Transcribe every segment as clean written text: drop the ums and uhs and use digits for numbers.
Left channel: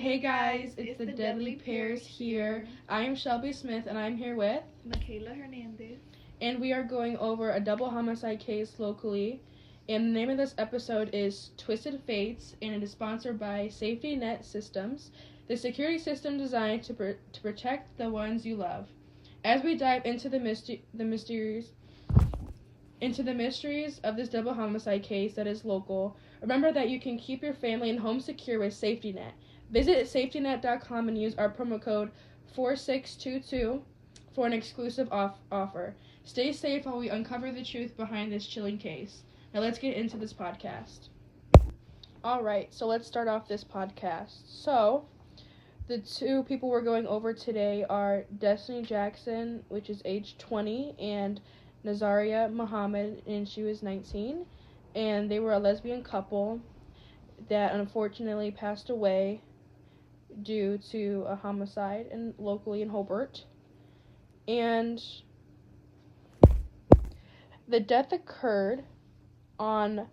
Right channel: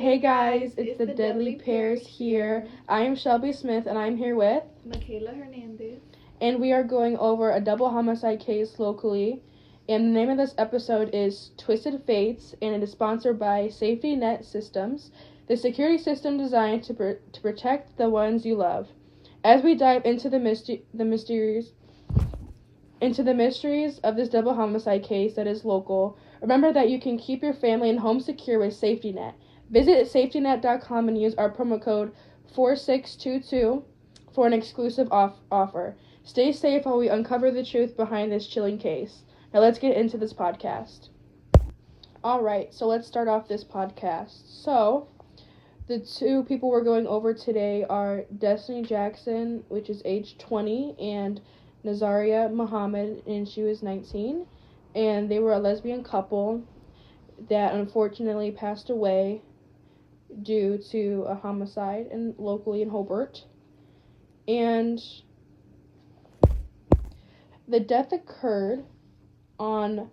Hey guys, it's the Deadly Pairs here. I am Shelby Smith and I'm here with Michaela Hernandez. And we are going over a double homicide case locally. And the name of this episode is Twisted Fates, and it is sponsored by Safety Net Systems, the security system designed to protect the ones you love. As we dive into the mysteries of this double homicide case that is local, remember that you can keep your family and home secure with Safety Net. Visit safetynet.com and use our promo code 4622 for an exclusive offer. Stay safe while we uncover the truth behind this chilling case. Now let's get into this podcast. Alright, so let's start off this podcast. So, the two people we're going over today are Destiny Jackson, which is age 20, and Nazirah Muhammad, and she was 19. And they were a lesbian couple that unfortunately passed away due to a homicide locally in Hobart. And the death occurred on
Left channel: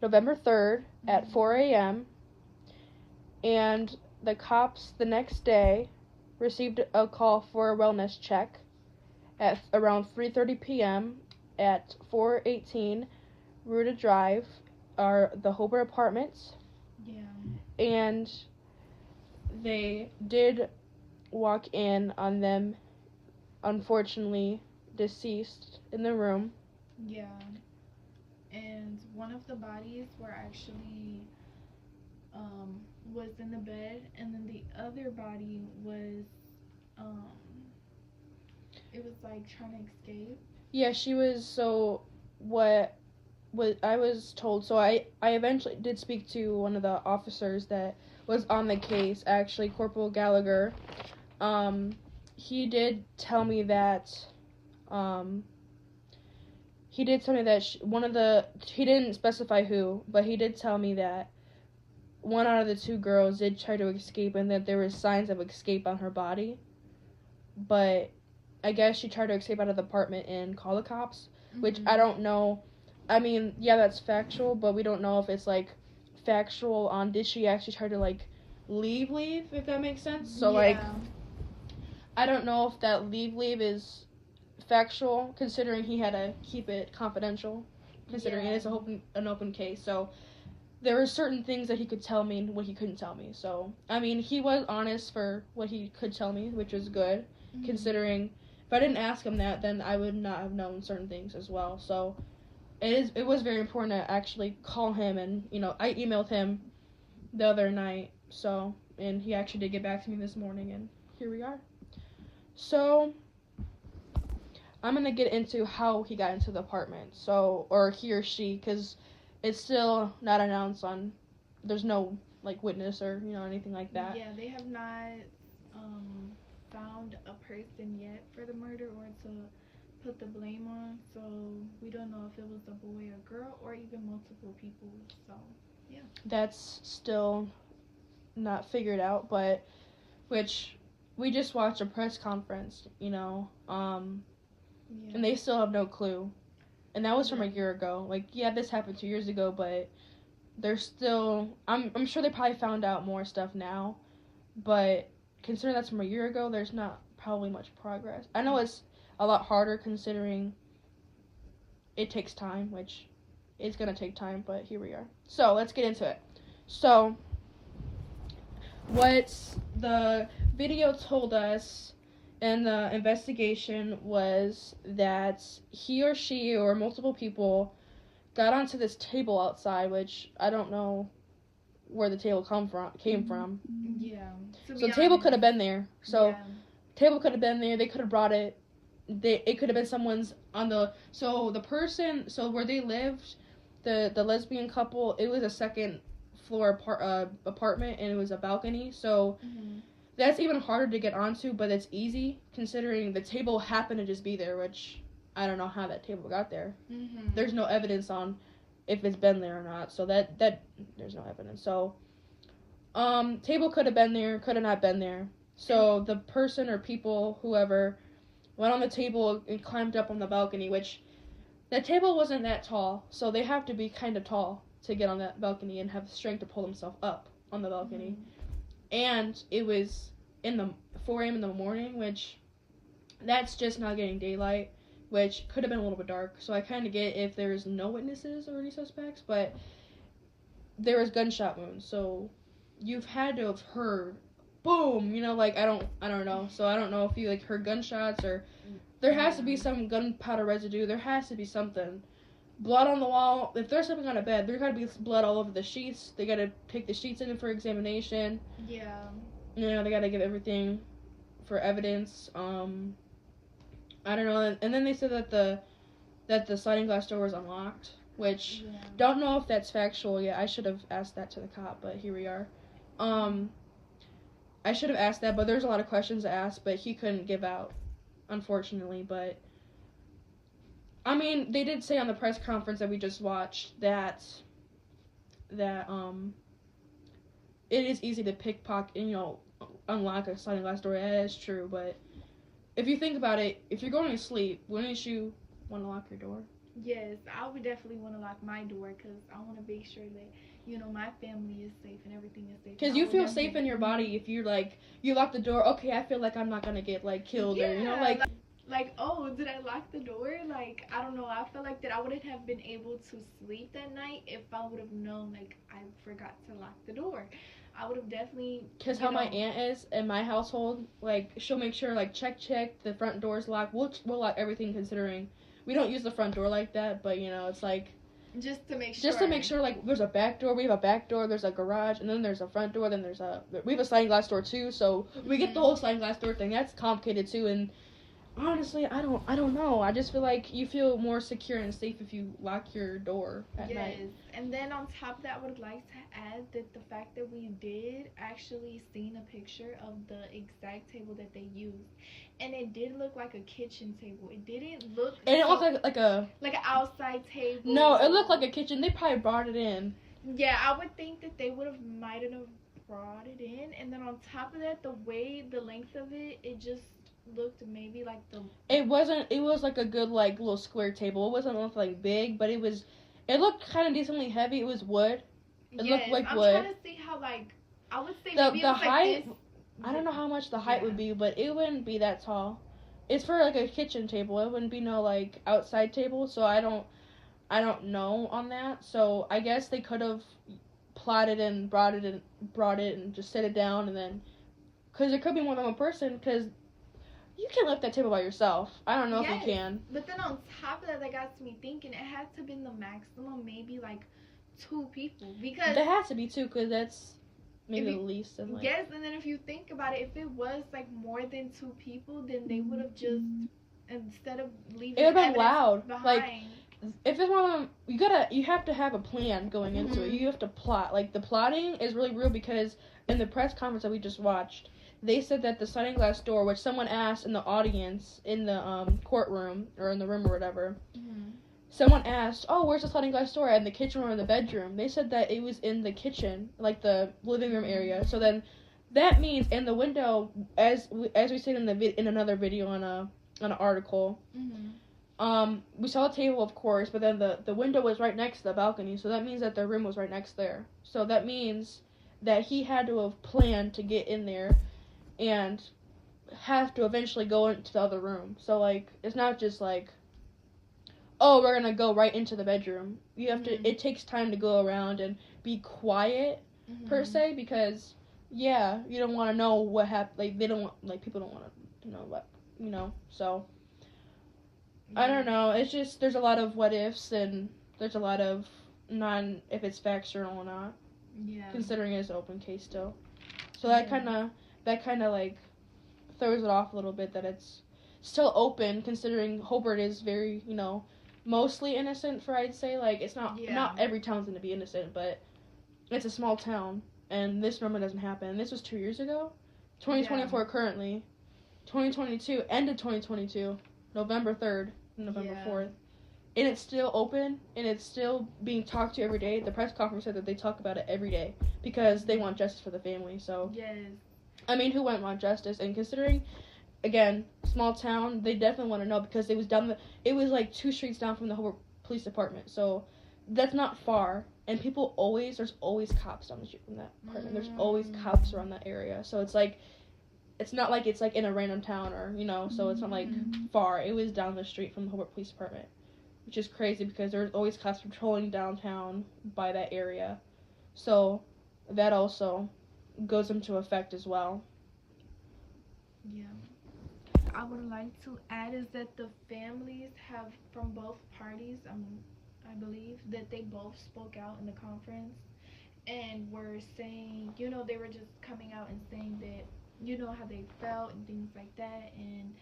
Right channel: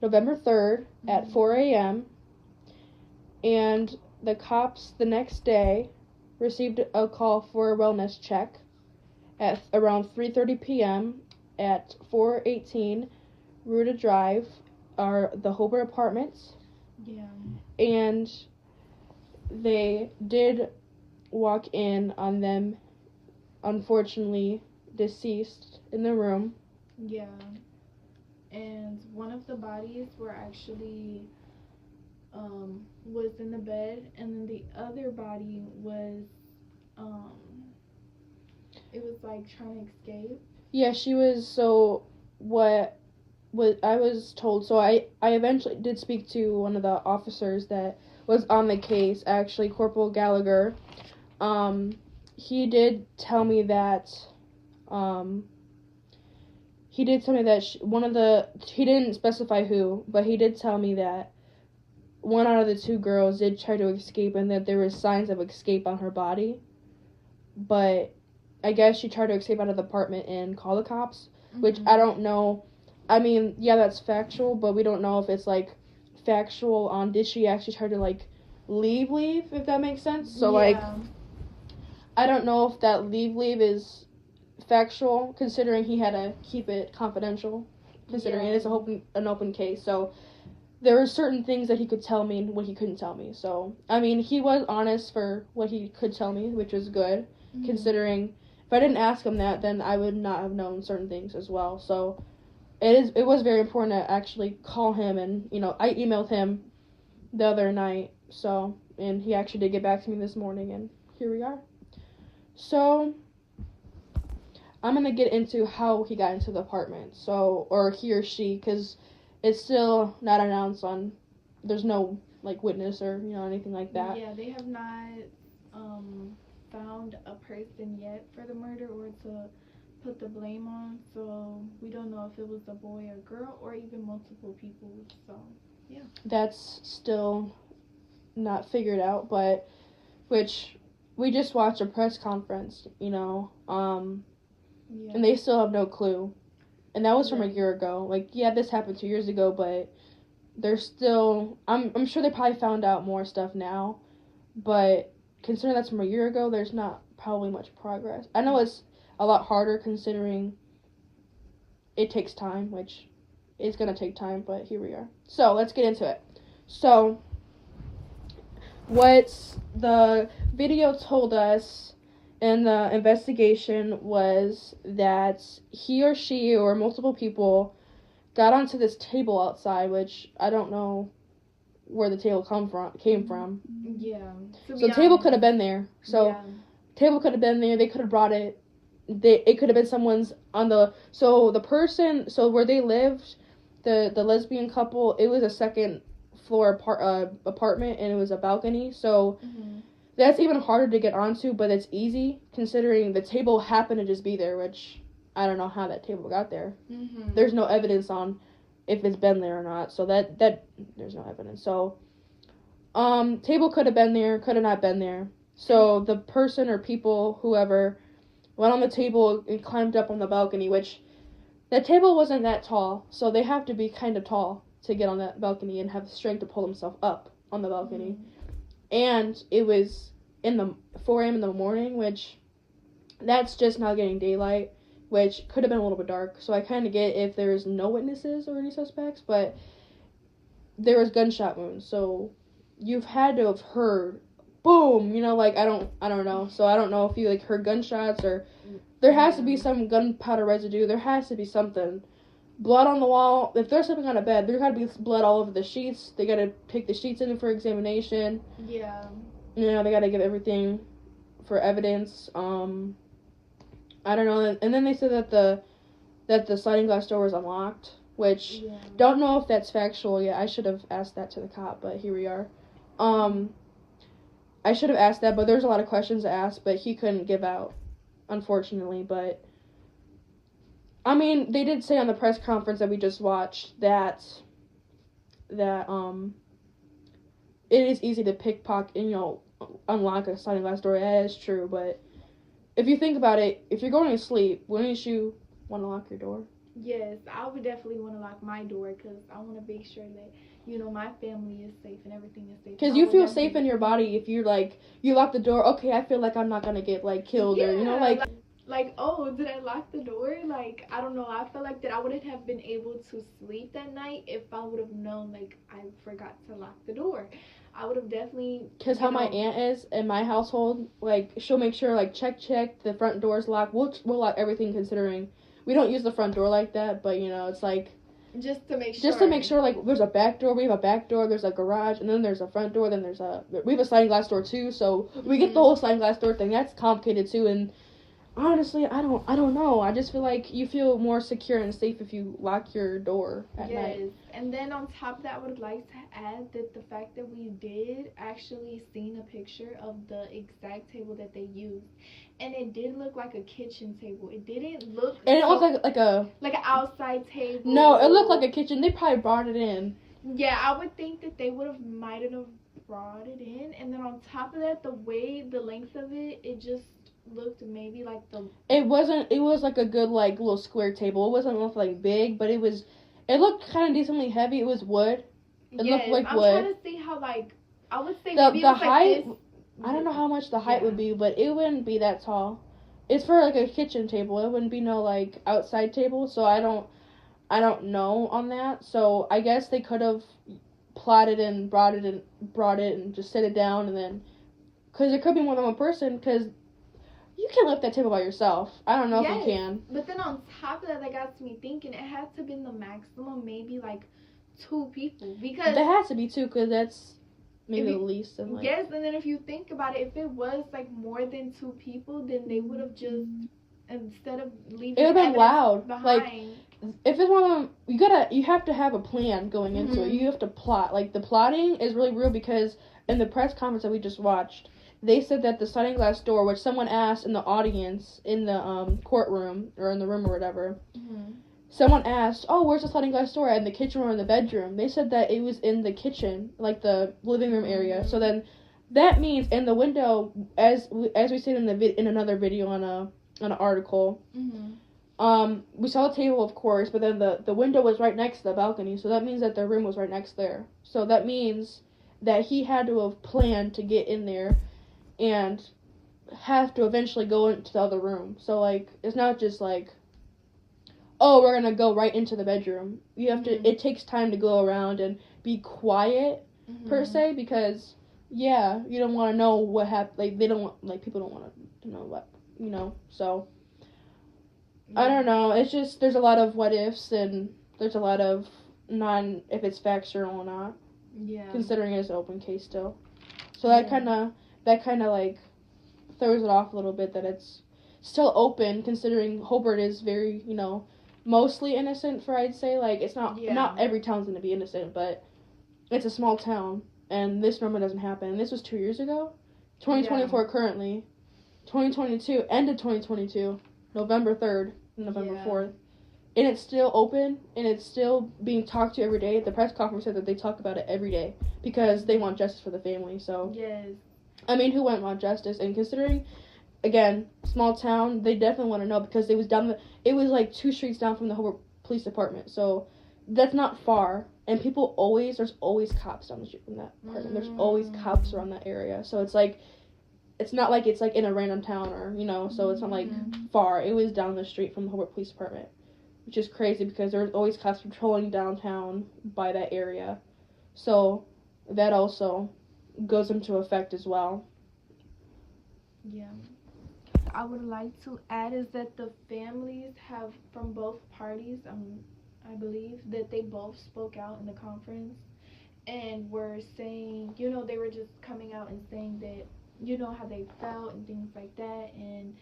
November 3rd at 4 a.m. and the cops the next day received a call for a wellness check at around 3:30 p.m. at 418 Ruta Drive, the Hobart Apartments. Yeah. And they did walk in on them, unfortunately deceased in the room. Yeah. And one of the bodies were actually was in the bed, and then the other body was it was like trying to escape. Yeah, she was. So what I was told, so I eventually did speak to one of the officers that was on the case, actually, Corporal Gallagher. He did tell me that he didn't specify who, but he did tell me that one out of the two girls did try to escape and that there was signs of escape on her body. But I guess she tried to escape out of the apartment and call the cops, which I don't know. I mean, yeah, that's factual, but we don't know if it's, like, factual on did she actually try to, like, leave, if that makes sense. So, like, I don't know if that leave is factual, considering he had to keep it confidential, considering it is an open case. So there were certain things that he could tell me and what he couldn't tell me. So, I mean, he was honest for what he could tell me, which was good, considering if I didn't ask him that, then I would not have known certain things as well. So it was very important to actually call him, and, I emailed him the other night, so, and he actually did get back to me this morning, and here we are. So I'm going to get into how he got into the apartment, or he or she, because it's still not announced there's no, like, witness or, anything like that. Yeah, they have not found a person yet for the murder or to put the blame on, so we don't know if it was a boy or girl or even multiple people, so, yeah. That's still not figured out, but, which, we just watched a press conference, and they still have no clue. And that was from a year ago. Like, yeah, this happened 2 years ago, but they're still, I'm sure they probably found out more stuff now, but considering that's from a year ago, there's not probably much progress. I know it's a lot harder considering it takes time, which is going to take time, but here we are. So, let's get into it. So, what the video told us in the investigation was that he or she or multiple people got onto this table outside, which I don't know where the table came from. Yeah. So the table could have been there. Table could have been there. They could have brought it. It could have been someone's on the. So the person. So where they lived, the lesbian couple. It was a second floor apartment, and it was a balcony. So that's even harder to get onto, but it's easy considering the table happened to just be there, which I don't know how that table got there. There's no evidence on if it's been there or not, so that there's no evidence. So table could have been there, could have not been there. So the person or people, whoever, went on the table and climbed up on the balcony, which the table wasn't that tall, so they have to be kind of tall to get on that balcony and have strength to pull themselves up on the balcony. and it was in the 4 a.m. in the morning, which that's just not getting daylight, which could have been a little bit dark. So I kind of get if there's no witnesses or any suspects, but there was gunshot wounds, so you've had to have heard boom, like I don't know. So I don't know if you like heard gunshots, or there has to be some gunpowder residue. There has to be something. Blood on the wall. If they're sleeping on a bed, there got to be blood all over the sheets. They got to take the sheets in for examination. Yeah. They got to give everything for evidence. I don't know. And then they said that the sliding glass door was unlocked, which don't know if that's factual yet. I should have asked that to the cop, but here we are. I should have asked that, but there's a lot of questions to ask, but he couldn't give out, unfortunately. But I mean, they did say on the press conference that we just watched that it is easy to pickpocket, unlock a sliding glass door. That is true, but if you think about it, if you're going to sleep, wouldn't you want to lock your door? Yes, I would definitely want to lock my door because I want to make sure that, my family is safe and everything is safe. Because you feel safe in your body if you're you lock the door. Okay, I feel like I'm not gonna get killed, or oh, did I lock the door? I don't know. I felt like that I wouldn't have been able to sleep that night if I would have known I forgot to lock the door. I would have definitely. Because how my aunt is in my household, she'll make sure check the front door's locked. We'll lock everything, considering we don't use the front door like that, but it's just to make sure. Just to make sure, there's a back door. We have a back door. There's a garage, and then there's a front door. Then we have a sliding glass door too. So we get the whole sliding glass door thing. That's complicated too. And honestly, I don't know. I just feel like you feel more secure and safe if you lock your door at night. Yes, and then on top of that, I would like to add that the fact that we did actually seen a picture of the exact table that they used, and it did look like a kitchen table. It didn't look. And it looked like an outside table. No, it looked like a kitchen. They probably brought it in. Yeah, I would think that they might have brought it in, and then on top of that, the length of it just looked maybe it was a good little square table. It wasn't big, but it looked kind of decently heavy. It was wood. It looked like wood. I'm trying to see how I would say the maybe it was height. this. I don't know how much the height would be, but it wouldn't be that tall. It's for a kitchen table. It wouldn't be no outside table. So I don't know on that. So I guess they could have plotted and brought it and just set it down, and then because there could be more than one person, because you can't lift that table by yourself. I don't know if you can. But then on top of that, that got me thinking it had to have been the maximum, maybe 2 people, because there has to be 2, because that's maybe the least. And yes, and then if you think about it, if it was more than 2 people, then they would have just, instead of leaving, it would have been loud. Behind. If it's one of them, you have to have a plan going into it. You have to plot. The plotting is really real, because in the press conference that we just watched, they said that the sliding glass door, which someone asked in the audience, in the courtroom, or in the room or whatever, someone asked, oh, where's the sliding glass door? In the kitchen or in the bedroom? They said that it was in the kitchen, the living room area. So then, that means in the window, as we said in another video on an article, we saw the table, of course, but then the window was right next to the balcony, so that means that their room was right next there. So that means that he had to have planned to get in there and have to eventually go into the other room. So, it's not just oh, we're gonna go right into the bedroom. You have to, it takes time to go around and be quiet, per se, because, you don't want to know what happened, they don't want, people don't want to know what, so, I don't know, it's just, there's a lot of what ifs, and there's a lot of if it's factual or not, considering it's an open case still. So that kind of, throws it off a little bit, that it's still open, considering Hobart is very, mostly innocent, I'd say. It's not every town's gonna be innocent, but it's a small town, and this normally doesn't happen. This was 2 years ago, 2024 currently, 2022, end of 2022, November 3rd, November 4th, and it's still open, and it's still being talked to every day. The press conference said that they talk about it every day, because they want justice for the family, so. Yes. I mean, who wouldn't want justice? And considering, again, small town, they definitely want to know, because it was 2 streets down from the Hobart Police Department. So that's not far, and there's always cops down the street from that apartment. There's always cops around that area, so it's like, it's not like it's like in a random town or, you know, so it's not like far. It was down the street from the Hobart Police Department, which is crazy because there's always cops patrolling downtown by that area, so that also goes into effect as well. Yeah. I would like to add is that the families have, from both parties, I believe that they both spoke out in the conference and were saying, you know, they were just coming out and saying that, you know, how they felt and things like that, and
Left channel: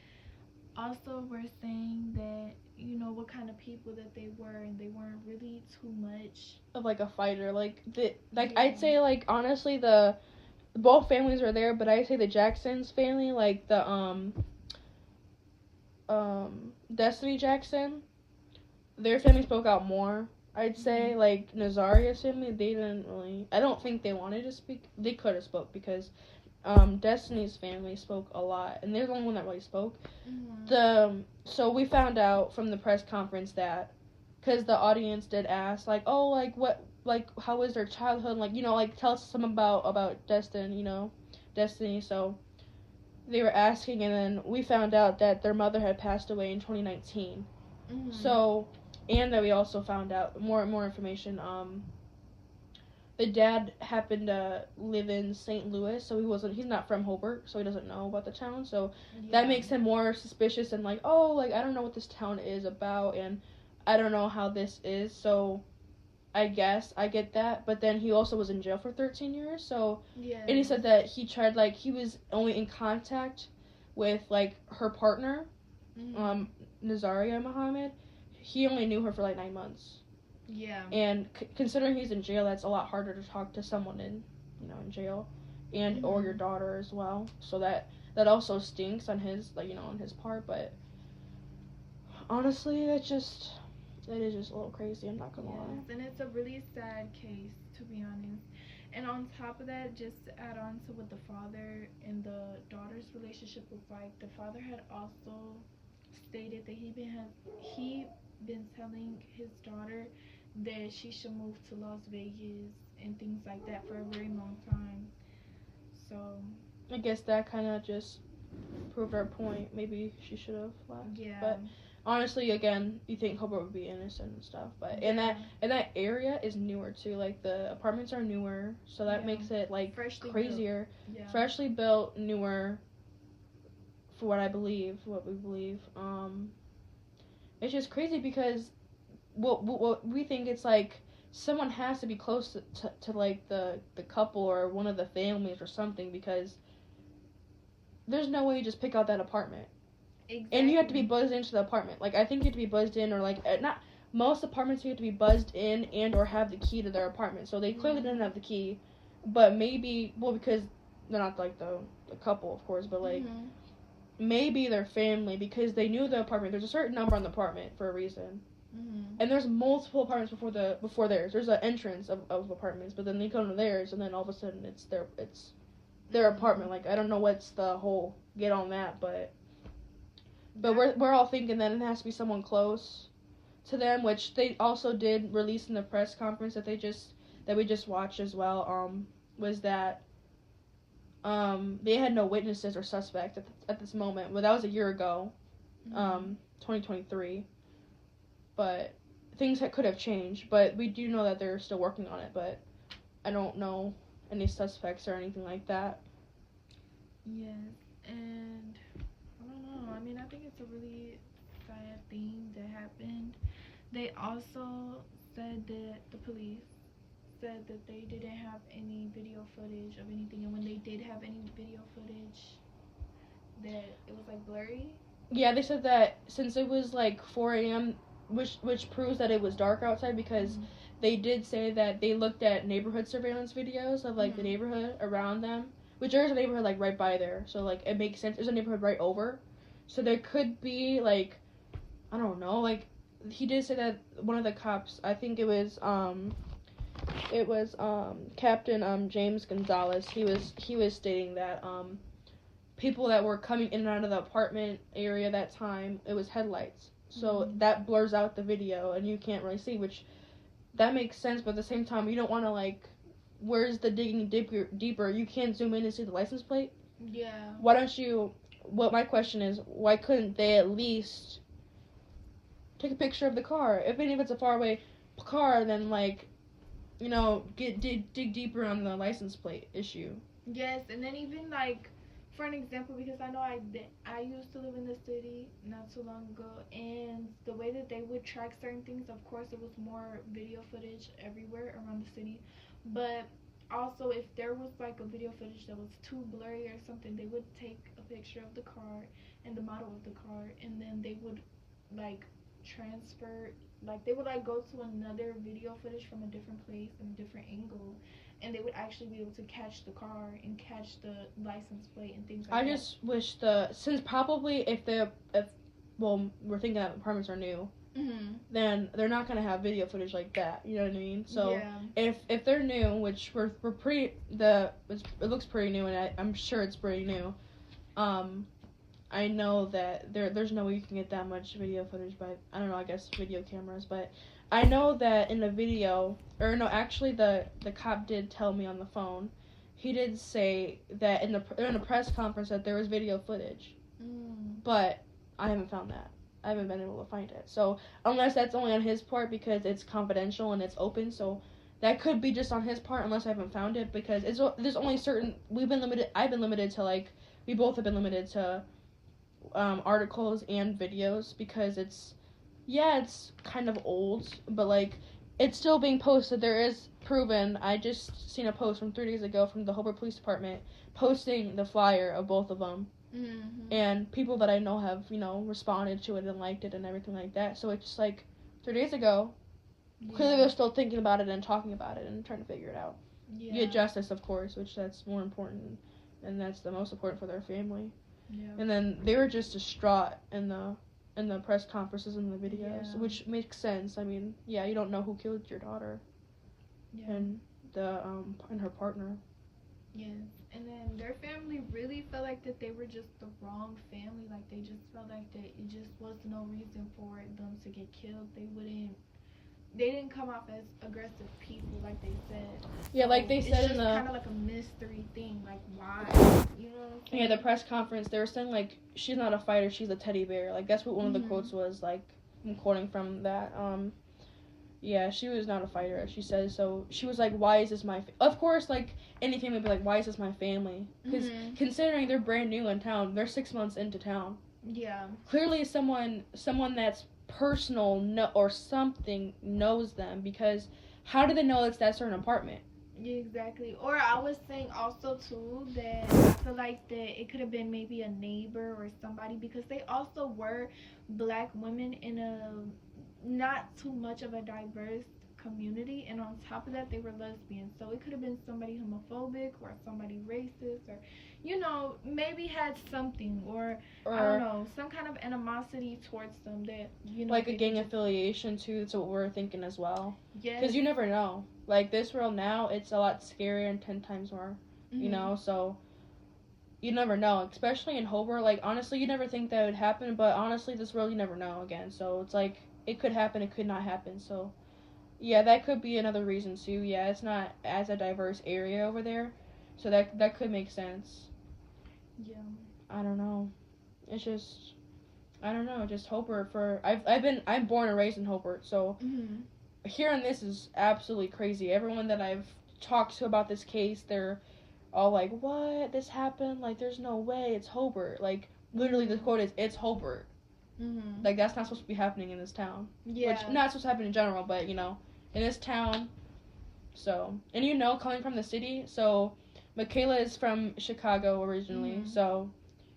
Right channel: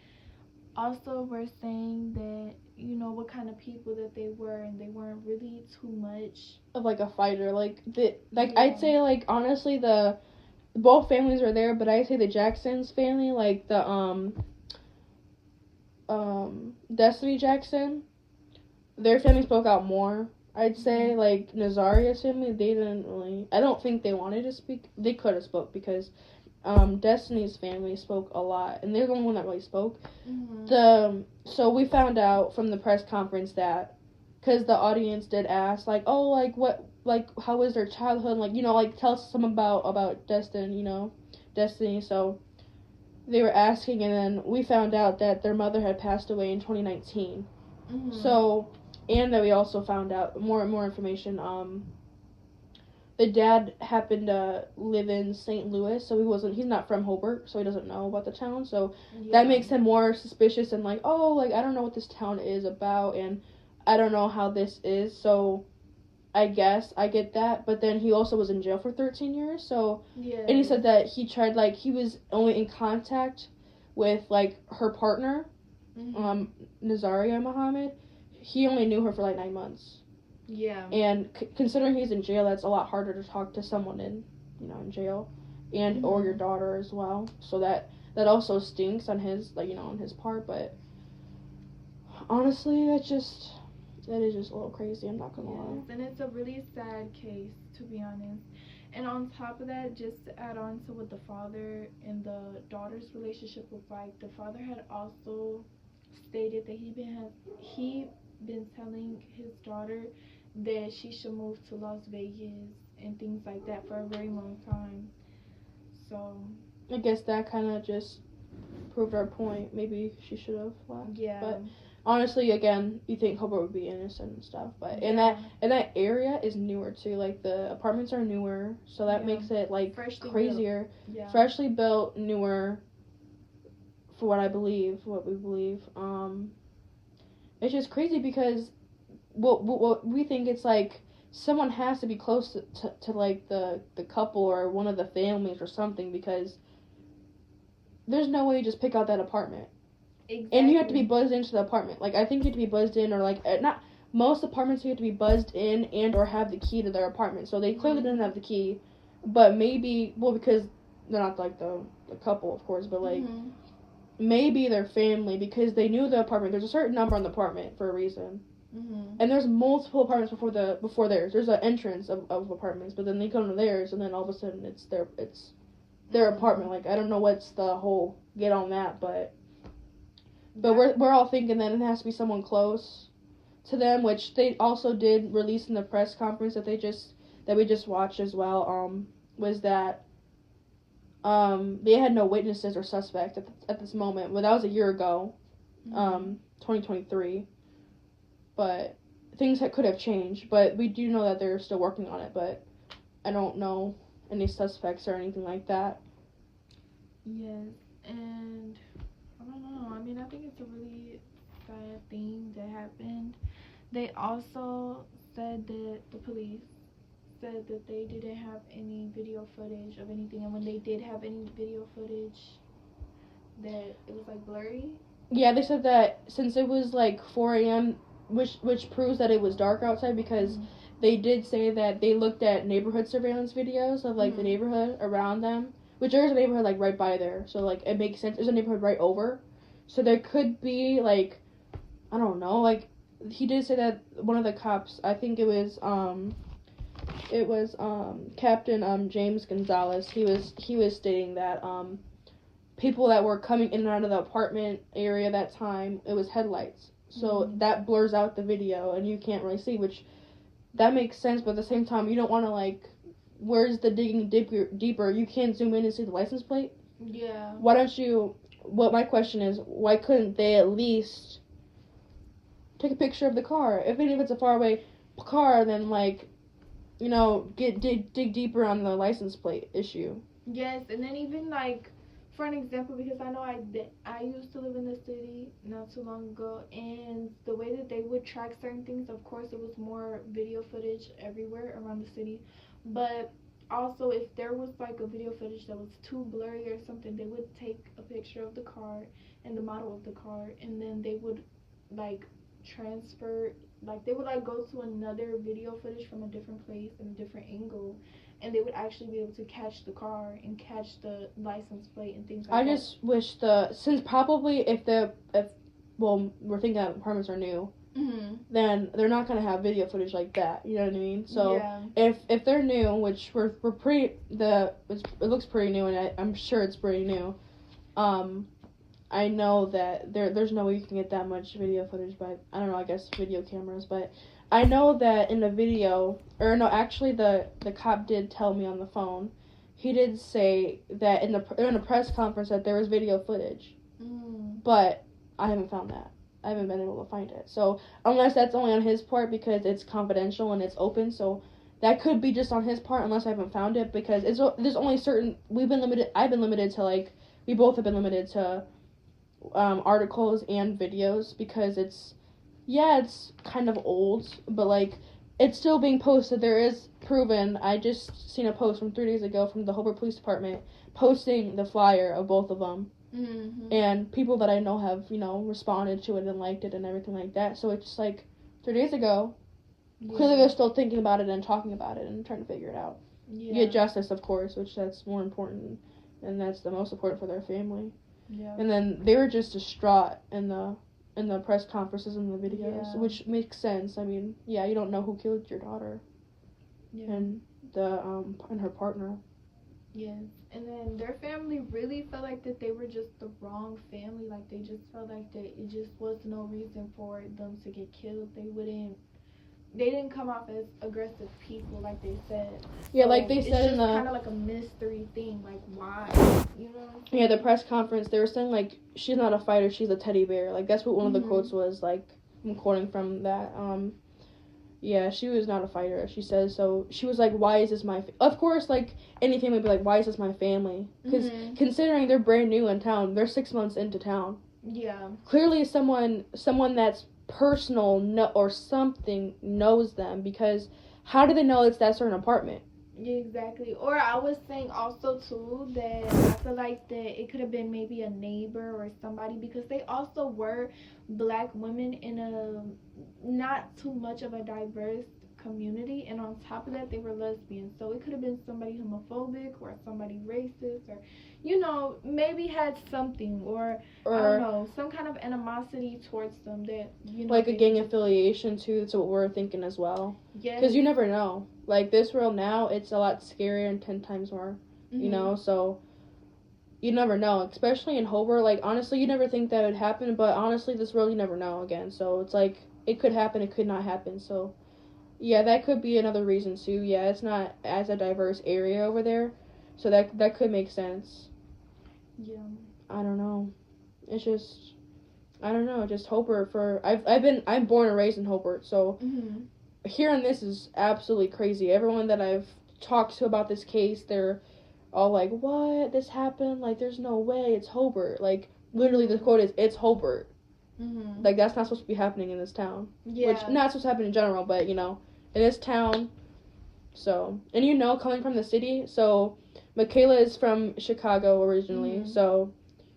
also were saying that, you know, what kind of people that they were, and they weren't really too much of like a fighter, I'd say, like, honestly, the both families are there, but I'd say the Jackson's family, like the Destiny Jackson, their family spoke out more. I'd say, like, Nazirah's family, they didn't really, I don't think they wanted to speak. They could have spoke because Destiny's family spoke a lot, and they're the only one that really spoke. So we found out from the press conference that, because the audience did ask, like, oh, like, what, like, how was their childhood, like, you know, like, tell us some about Destiny, you know, Destiny. So they were asking, and then we found out that their mother had passed away in 2019. So, and that we also found out more information. The dad happened to live in St. Louis, so he's not from Hobart, so he doesn't know about the town. So that makes him more suspicious and like, oh, like, I don't know what this town is about, and I don't know how this is. So I guess I get that, but then he also was in jail for 13 years. So, and he said that he tried, like, he was only in contact with, like, her partner, Nazirah Muhammad. He only knew her for like 9 months. Yeah. And considering he's in jail, that's a lot harder to talk to someone in jail, and or your daughter as well. So that also stinks on his, like, you know, on his part. But honestly, that is just a little crazy. I'm not gonna lie. And it's a really sad case, to be honest. And on top of that, just to add on to what the father and the daughter's relationship was like, the father had also stated that he been telling his daughter that she should move to Las Vegas and things like that for a very long time. So I guess that kind of just proved our point. Maybe she should have left. Yeah. But honestly, again, you think Hobart would be innocent and stuff, but and that area is newer too. Like, the apartments are newer, so that makes it like freshly crazier. Built. Freshly built, newer. For what we believe. It's just crazy because what we think, it's like someone has to be close to like the couple or one of the families or something, because there's no way you just pick out that apartment. Exactly. And you have to be buzzed into the apartment. Like, I think you have to be buzzed in, or like, not most apartments you have to be buzzed in and or have the key to their apartment. So they clearly didn't have the key, but maybe, well, because they're not like the couple, of course, but like maybe their family, because they knew the apartment. There's a certain number on the apartment for a reason. And there's multiple apartments before theirs. There's an entrance of apartments, but then they go to theirs, and then all of a sudden it's their apartment. Like, I don't know what's the whole get on that, but we're all thinking that it has to be someone close to them, which they also did release in the press conference that we just watched as well. Was that they had no witnesses or suspect at this moment. Well, that was a year ago, 2023. But things could have changed. But we do know that they're still working on it. But I don't know any suspects or anything like that. Yes, and I don't know. I mean, I think it's a really sad thing that happened. They also said that the police said that they didn't have any video footage of anything, and when they did have any video footage, that it was like blurry. Yeah, they said that since it was like 4 a.m., which proves that it was dark outside, because they did say that they looked at neighborhood surveillance videos of like the neighborhood around them, which there is a neighborhood like right by there, so like it makes sense. There's a neighborhood right over, so there could be like, I don't know, like he did say that one of the cops, I think it was Captain James Gonzalez, he was stating that people that were coming in and out of the apartment area that time, it was headlights. So that blurs out the video, and you can't really see, which that makes sense, but at the same time, you don't want to, like, where's the digging deeper? You can't zoom in and see the license plate? Yeah. Why don't you, what my question is, why couldn't they at least take a picture of the car? Even if it's a faraway car, then, like, you know, dig deeper on the license plate issue. Yes, and then even like for an example, because I know I used to live in the city not too long ago, and the way that they would track certain things, of course, it was more video footage everywhere around the city, but also if there was like a video footage that was too blurry or something, they would take a picture of the car and the model of the car, and then they would like transfer, like they would like go to another video footage from a different place and a different angle, and they would actually be able to catch the car and catch the license plate and things like that. I just wish since probably if well, we're thinking that apartments are new, then they're not gonna have video footage like that. You know what I mean? So yeah. if they're new, which we're pretty it looks pretty new, and I'm sure it's pretty new. I know that there's no way you can get that much video footage by, I don't know, I guess video cameras, but I know that in the video, or no, actually the cop did tell me on the phone. He did say that in a press conference that there was video footage, but I haven't found that. I haven't been able to find it. So unless that's only on his part because it's confidential and it's open, so that could be just on his part unless I haven't found it, because there's only certain, I've been limited to, like, we both have been limited to articles and videos, because it's kind of old, but like it's still being posted. There is proven. I just seen a post from 3 days ago from the Hobart Police Department posting the flyer of both of them, and people that I know have, you know, responded to it and liked it and everything like that. So it's just like 3 days ago. Yeah. Clearly they're still thinking about it and talking about it and trying to figure it out. Get justice, of course, which that's more important, and that's the most important for their family. Yeah. And then they were just distraught in the press conferences and the videos, which makes sense. I mean, yeah, you don't know who killed your daughter. Yeah. And and her partner. Yes. And then their family really felt like that they were just the wrong family. Like they just felt like that it just was no reason for them to get killed. They didn't come off as aggressive people like they said. Yeah, so like they said in the... It's kind of like a mystery thing, like why, you know? Yeah, the press conference, they were saying, like, she's not a fighter, she's a teddy bear. Like, that's what one of the quotes was, like, I'm quoting from that. Yeah, she was not a fighter, she says. So she was like, why is this my... Of course, like, any family would be like, why is this my family? Because considering they're brand new in town, they're 6 months into town. Yeah. Clearly someone that's personal or something knows them, because how do they know it's that certain apartment? Yeah, exactly. Or I was saying also too that I feel like that it could have been maybe a neighbor or somebody, because they also were black women in a not too much of a diverse community, and on top of that they were lesbians, so it could have been somebody homophobic or somebody racist, or you know, maybe had something, or I don't know, some kind of animosity towards them that, you know, like a gang affiliation too. That's what we're thinking as well. Yeah. Because you never know. Like this world now, it's a lot scarier and 10 times more. You know, so you never know. Especially in Hobart. Like honestly, you never think that would happen, but honestly, this world you never know again. So it's like it could happen, it could not happen. So yeah, that could be another reason too. Yeah, it's not as a diverse area over there, so that could make sense. Yeah. I don't know. It's just, I don't know. Just Hobart I'm born and raised in Hobart, so hearing this is absolutely crazy. Everyone that I've talked to about this case, they're all like, "What? This happened? Like, there's no way. It's Hobart." Like, literally, the quote is, "It's Hobart." Like, that's not supposed to be happening in this town. Yeah. Which, not supposed to happen in general, but, you know, in this town. So, and you know, coming from the city, so Michaela is from Chicago originally, so,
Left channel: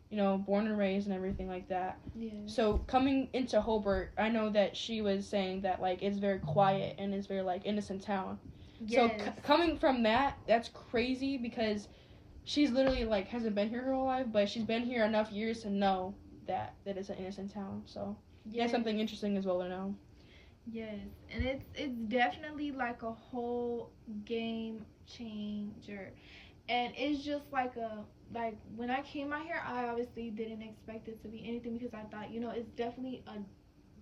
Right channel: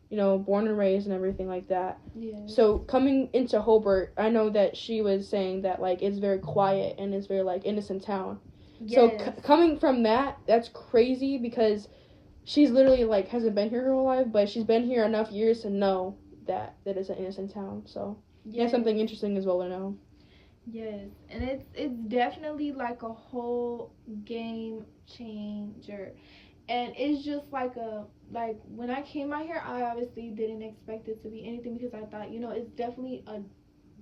you know, born and raised and everything like that. Yeah. So, coming into Hobart, I know that she was saying that, like, it's very quiet and it's very, like, innocent town. Yes. So, coming from that, that's crazy, because she's literally, like, hasn't been here her whole life, but she's been here enough years to know that it's an innocent town. So, yeah, something interesting as well to know. Yes, and it's definitely like a whole game changer, and it's just like when I came out here, I obviously didn't expect it to be anything, because I thought, you know, it's definitely a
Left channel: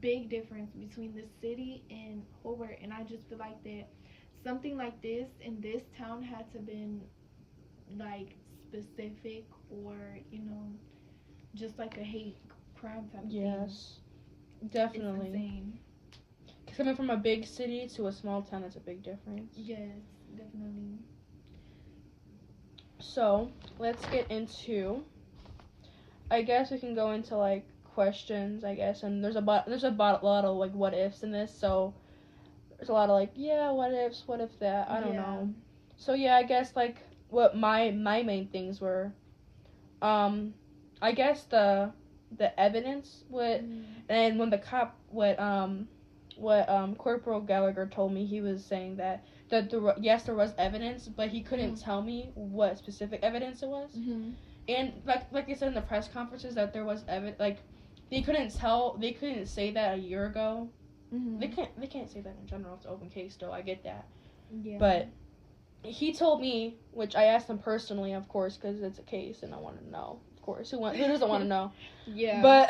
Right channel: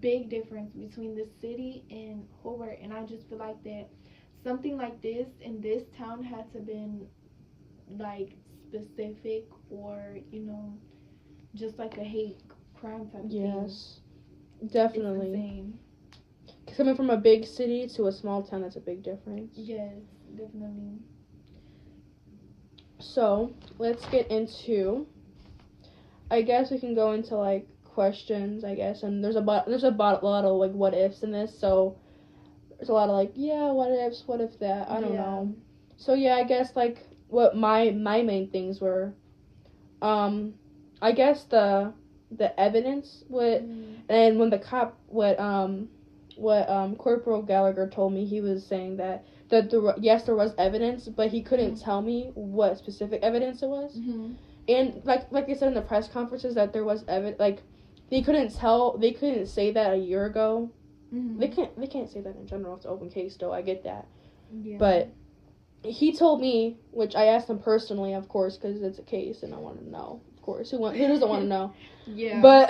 big difference between the city and Hobart, and I just feel like that something like this in this town had to been like specific, or just like a hate crime type of thing. Yes, definitely. It's insane. Coming from a big city to a small town, that's a big difference. Yes, definitely. So let's get into. I guess we can go into like questions. I guess, and there's a lot of like what ifs in this. So there's a lot of like, yeah, what ifs, what if that. I don't know. So yeah, I guess like what my main things were. I guess the evidence and when the cop what Corporal Gallagher told me, he was saying that yes, there was evidence, but he couldn't tell me what specific evidence it was. And like they said in the press conferences that there was evidence, like they couldn't say that a year ago. They can't say that in general. It's an open case, though. I get that. Yeah. But he told me, which I asked him personally, of course, because it's a case and I want to know, of course. Who doesn't want to know? Yeah. But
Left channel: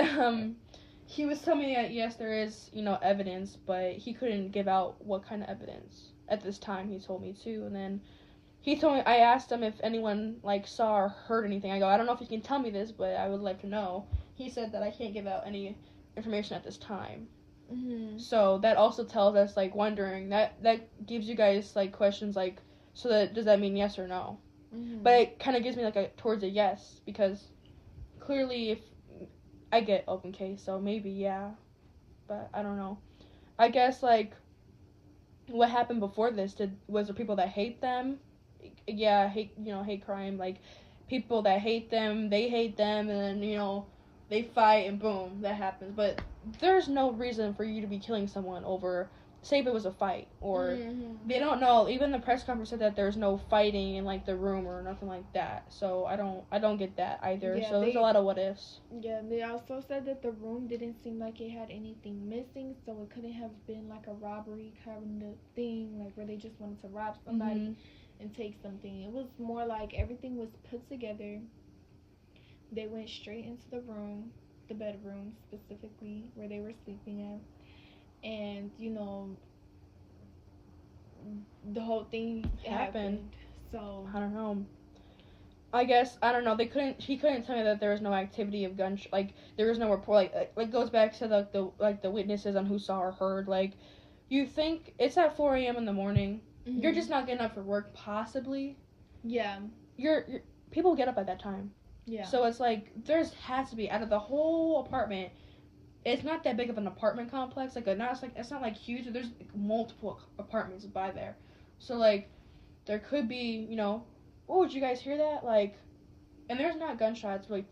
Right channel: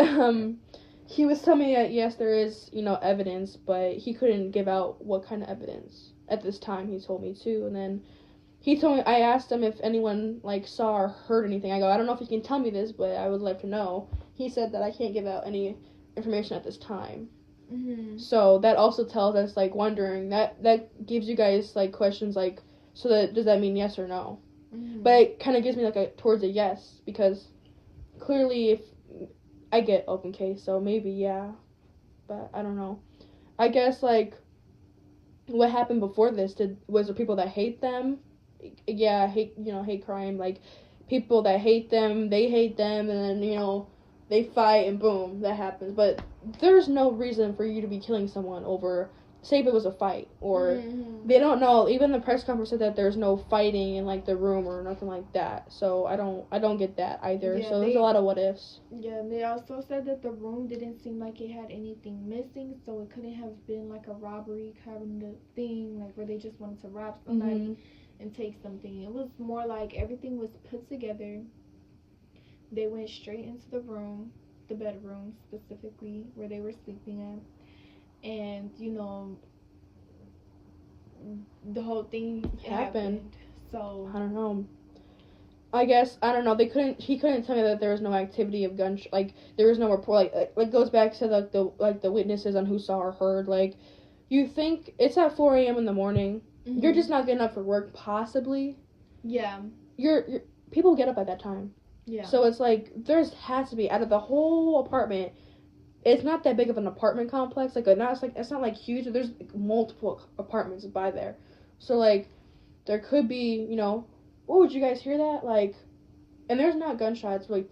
he was telling me that yes, there is evidence, but he couldn't give out what kind of evidence at this time. He told me too, and then he told me, I asked him if anyone like saw or heard anything. I go, I don't know if you can tell me this, but I would like to know. He said that I can't give out any information at this time. So that also tells us, like, wondering, that gives you guys like questions like, so does that mean yes or no? But it kind of gives me like towards a yes, because clearly if I get open case, so maybe yeah, but I don't know. I guess like what happened before this, was there people that hate them? Yeah, hate crime, like people that hate them, they hate them, and then they fight and boom, that happens. But there's no reason for you to be killing someone over, say if it was a fight, or they don't know. Even the press conference said that there's no fighting in like the room or nothing like that. So I don't get that either. Yeah, so there's a lot of what ifs. Yeah, they also said that the room didn't seem like it had anything missing, so it couldn't have been like a robbery kind of thing, like where they just wanted to rob somebody and take something. It was more like everything was put together. They went straight into the room, the bedroom specifically, where they were sleeping at. And, the whole thing happened. So I don't know. I guess, I don't know, he couldn't tell me that there was no activity of like, there was no report, like goes back to, the witnesses on who saw or heard, like, you think, it's at 4 a.m. in the morning, you're just not getting up for work, possibly. Yeah. People get up at that time. Yeah. So it's like, has to be, out of the whole apartment, it's not that big of an apartment complex, it's not like huge, there's multiple apartments by there. So like, there could be, oh, did you guys hear that? Like, and there's not gunshots, like,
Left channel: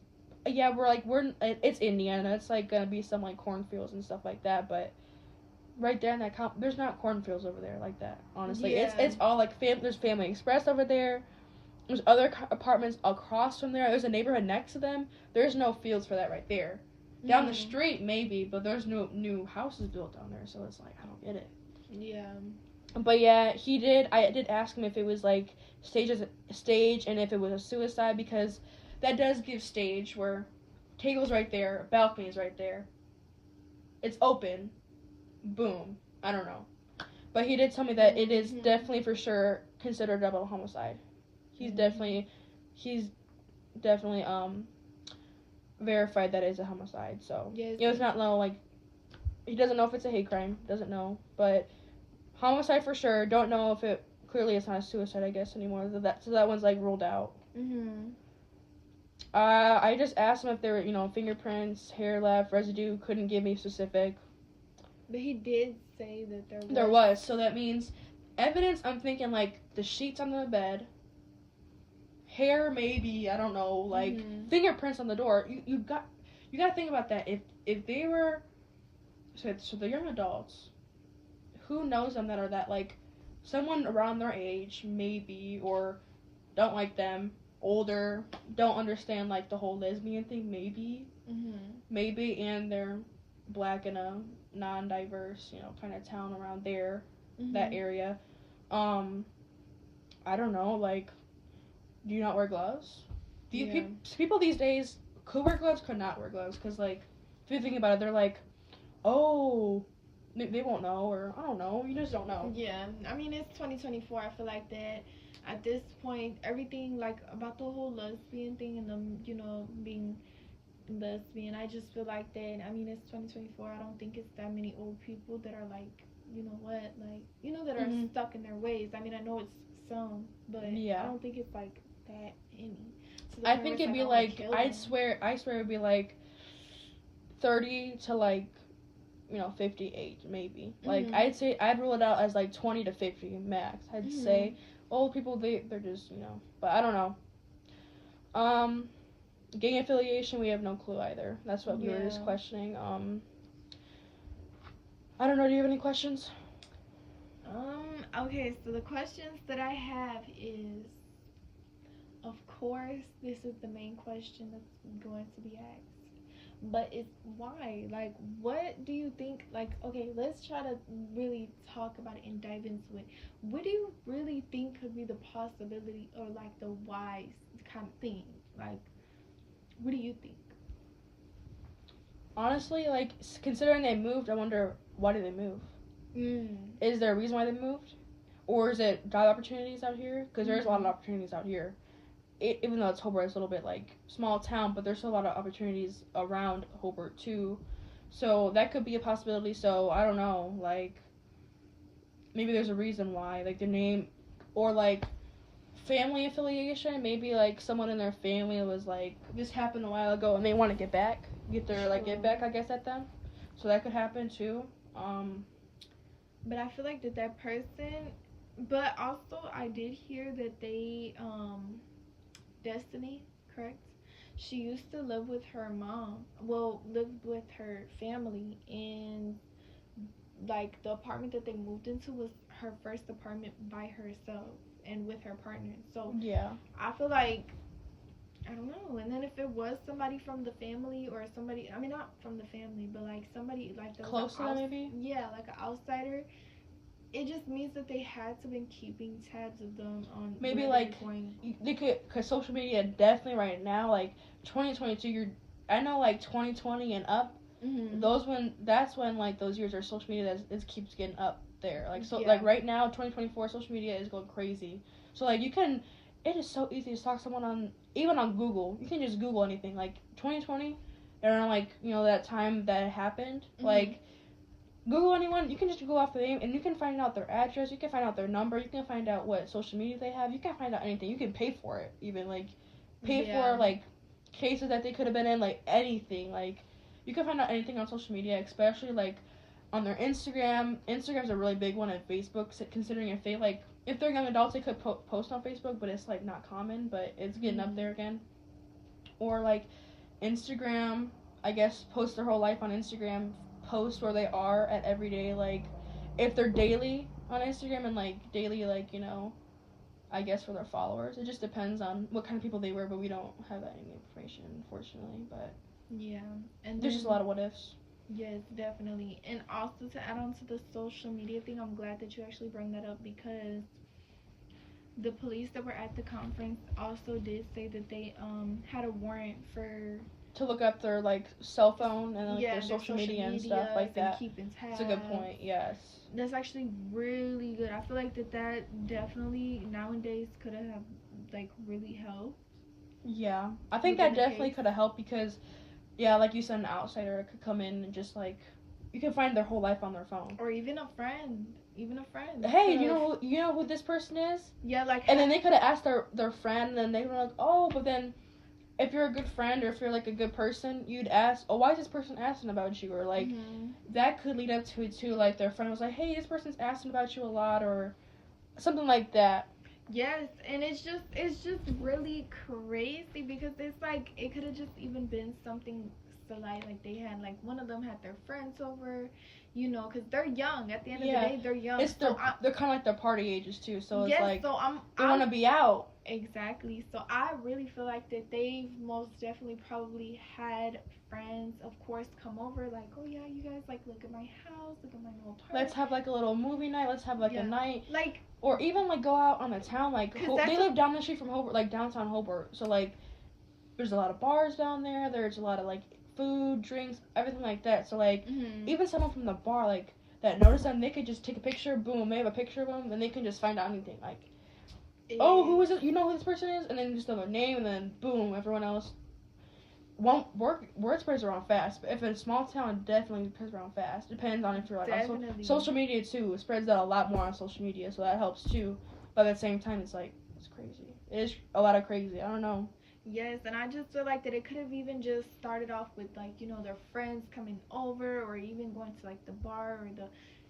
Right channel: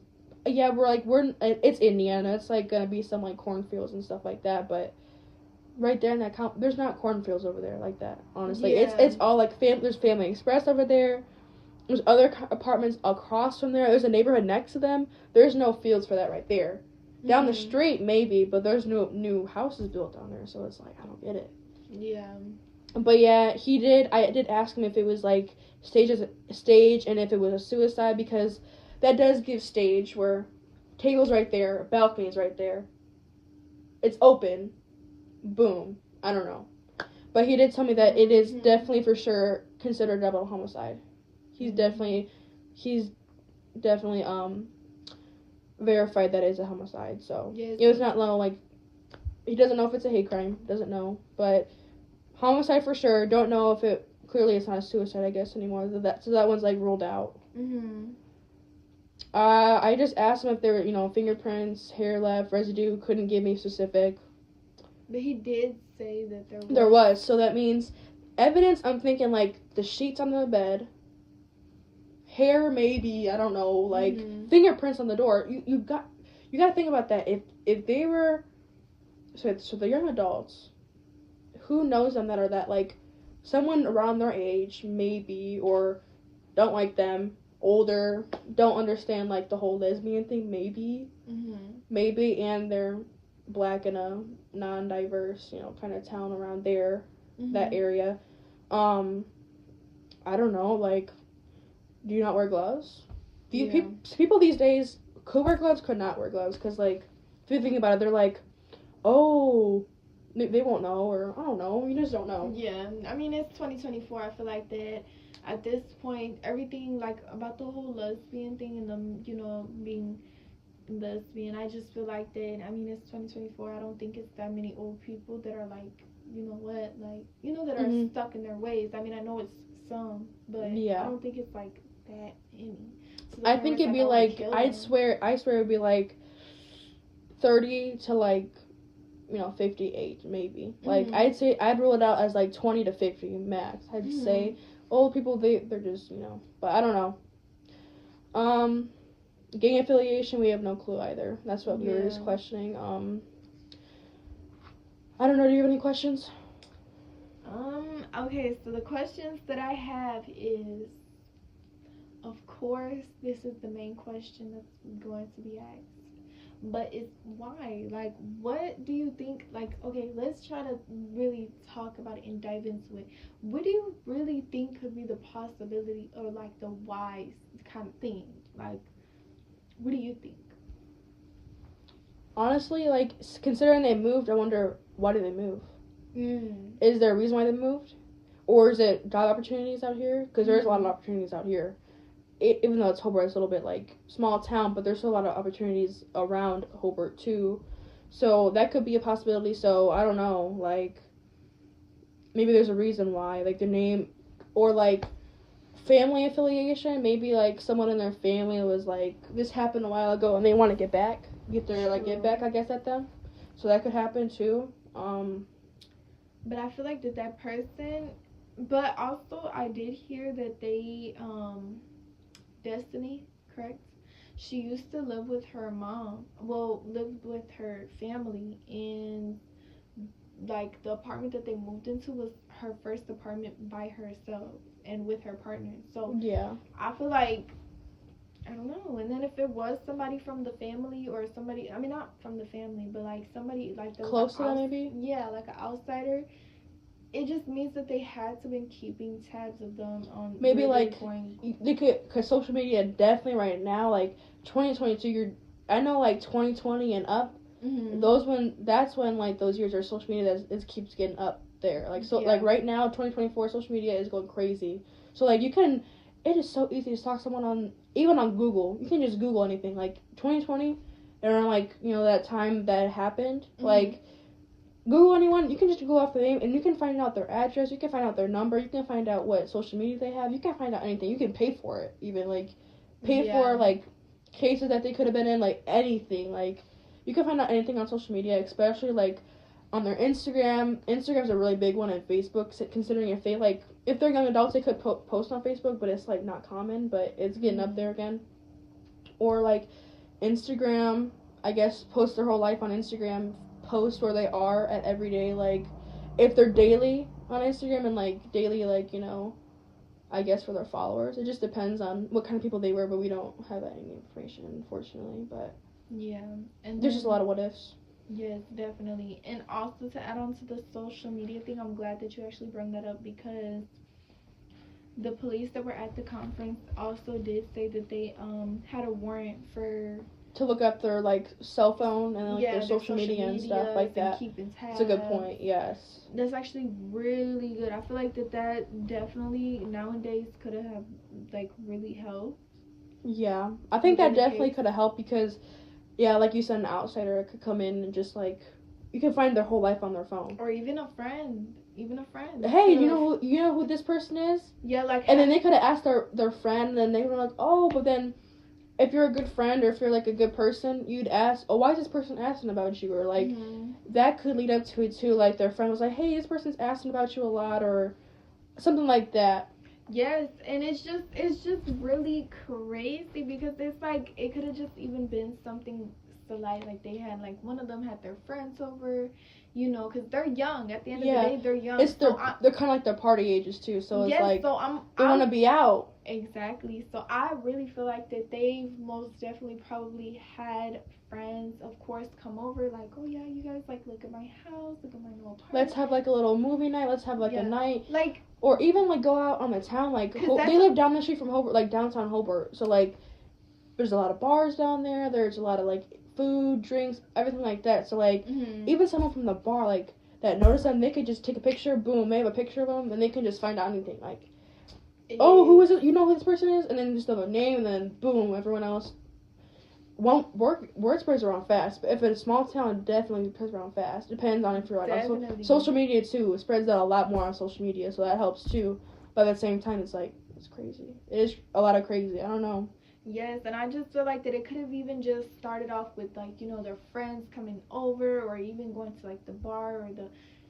yeah, it's Indiana, it's like gonna be some like cornfields and stuff like that, but right there in that there's not cornfields over there like that, honestly. Yeah. It's all like, there's Family Express over there. There's other apartments across from there. There's a neighborhood next to them. There's no fields for that right there. Down the street, maybe, but there's no new houses built down there, so it's like, I don't get it. Yeah. But yeah, I did ask him if it was like stage, and if it was a suicide, because that does give stage, where table's right there, balcony is right there. It's open. Boom. I don't know. But he did tell me that it is definitely for sure considered double homicide. He's definitely verified that it's a homicide. So yes. It was not like, he doesn't know if it's a hate crime, doesn't know, but homicide for sure. Don't know if it, clearly it's not a suicide, I guess, anymore. So that one's like ruled out. I just asked him if there were fingerprints, hair left, residue. Couldn't give me specific. But he did say that there was. There was. So that means evidence. I'm thinking like the sheets on the bed. Hair, maybe, I don't know, like fingerprints on the door. You got to think about that. If they were, so they're young adults, who knows them that are that, like, someone around their age, maybe, or don't like them, older, don't understand like the whole lesbian thing, maybe, and they're black in a non-diverse, kind of town around there, that area. I don't know, like, do you not wear gloves? People these days could wear gloves, could not wear gloves, because, like, if you think about it, they're like, Oh, they won't know, or I don't know. You just don't know. Yeah, I mean, it's 2024. I feel like that at this point, everything like about the whole lesbian thing and them, being lesbian. I just feel like that. I mean, it's 2024. I don't think it's that many old people that are like, that are Mhm. stuck in their ways. I mean, I know it's some, but I Yeah. don't think it's like that any. To the I point where think it's it'd like, be I wanna like kill I them. swear it'd be like 30 to like 58 maybe. Like Mhm. I'd say I'd rule it out as like 20 to 50 max. I'd Mhm. say old people they're just but I don't know. Gang affiliation we have no clue either. That's what we were just Yeah. questioning. I don't know. Do you have any questions? Okay, so the questions that I have is, of course, this is the main question that's going to be asked. But it's why? Like, what do you think? Like, okay, let's try to really talk about it and dive into it. What do you really think could be the possibility or like the wise kind of thing? Like, what do you think? Honestly, like considering they moved, I wonder why did they move? Mm. Is there a reason why they moved, or is it job opportunities out here? Because there's a lot of Mm. opportunities out here. Even though it's Hobart, it's a little bit like small town, but there's still a lot of opportunities around Hobart too. So that could be a possibility. So I don't know, like maybe there's a reason why, like the name, or like family affiliation. Maybe like someone in their family was like this happened a while ago and they want to get their like get back, I guess, at them. So that could happen too. But I feel like that person. But also, I did hear that they Destiny, correct? She used to live with her mom. Well, lived with her family, and like the apartment that they moved into was her first apartment by herself and with her partner. So Yeah. I feel like I don't know. And then if it was somebody from the family or somebody, I mean not from the family, but like somebody like there was Close to them, maybe. yeah, like an outsider, it just means that they had to been keeping tabs of them on Maybe where they're like going. they could, cause social media definitely right now, like 2022. I know like 2020 and up. Mm-hmm. That's when like those years are social media that is keeps getting up there. Like so, Yeah. like right now, 2024, social media is going crazy. So like you can, it is so easy to stalk someone on even on Google. You can just Google anything. Like 2020, around like that time that happened. Mm-hmm. Like Google anyone, you can just Google off the name and you can find out their address, you can find out their number, you can find out what social media they have, you can find out anything. You can pay for it, even like pay for like cases that they could have been in, like anything. Like you can find out anything on social media, especially like on their Instagram. Instagram's a really big one, and Facebook, considering if they're young adults, they could post on Facebook, but it's like not common, but it's getting up there again. Or like Instagram, I guess, post their whole life on Instagram, post where they are at every day, like if they're daily on Instagram and like daily, like I guess for their followers. It just depends on what kind of people they were, but we don't have any information, unfortunately. But Yeah, and there's just a lot of what ifs. yes, definitely. And also to add on to the social media thing, I'm glad that you actually brought that up because the police that were at the conference also did say that they had a warrant for To look up their like cell phone and like their their social media and stuff like and that. keeping tabs. It's a good point. Yes. That's actually really good. I feel like that definitely nowadays could have like really helped. Yeah, I think that definitely could have helped because, yeah, like you said, an outsider could come in and just like, you can find their whole life on their phone. Or even a friend. Hey, you know who this person is? Yeah, like. And then they could have asked their friend, and then they were like, oh, but then if you're a good friend or if you're like a good person, you'd ask, oh, why is this person asking about you? Or like, that could lead up to it too. Like their friend was like, hey, this person's asking about you a lot, or something like that. Yes, and it's just really crazy because it's like it could have just even been something slight, like they had like one of them had their friends over, because they're young. At the end of the day, they're young. It's they're kind of like their party ages too, so it's like so they want to be out. Exactly. So I really feel like that they most definitely probably had friends, of course, come over like, oh yeah, you guys like look at my house, look at my new apartment. Let's have like a little movie night. Let's have like a night. Like. Or even like go out on the town. Like they live down the street from Hobart, like downtown Hobart. So like there's a lot of bars down there. There's a lot of like food, drinks, everything like that. So like Mhm. even someone from the bar like that noticed them, they could just take a picture, boom, they have a picture of them, and they can just find out anything. Like, oh, who is it? You know who this person is, and then just know their name, and then boom, everyone else. Word spreads around fast, but if it's a small town, definitely spreads around fast. Depends on if you're like on social media too. It spreads out a lot more on social media, so that helps too. But at the same time, it's like it's crazy. It is a lot of crazy. I don't know. Yes, and I just feel like that it could have even just started off with like, you know, their friends coming over or even going to like the bar or the,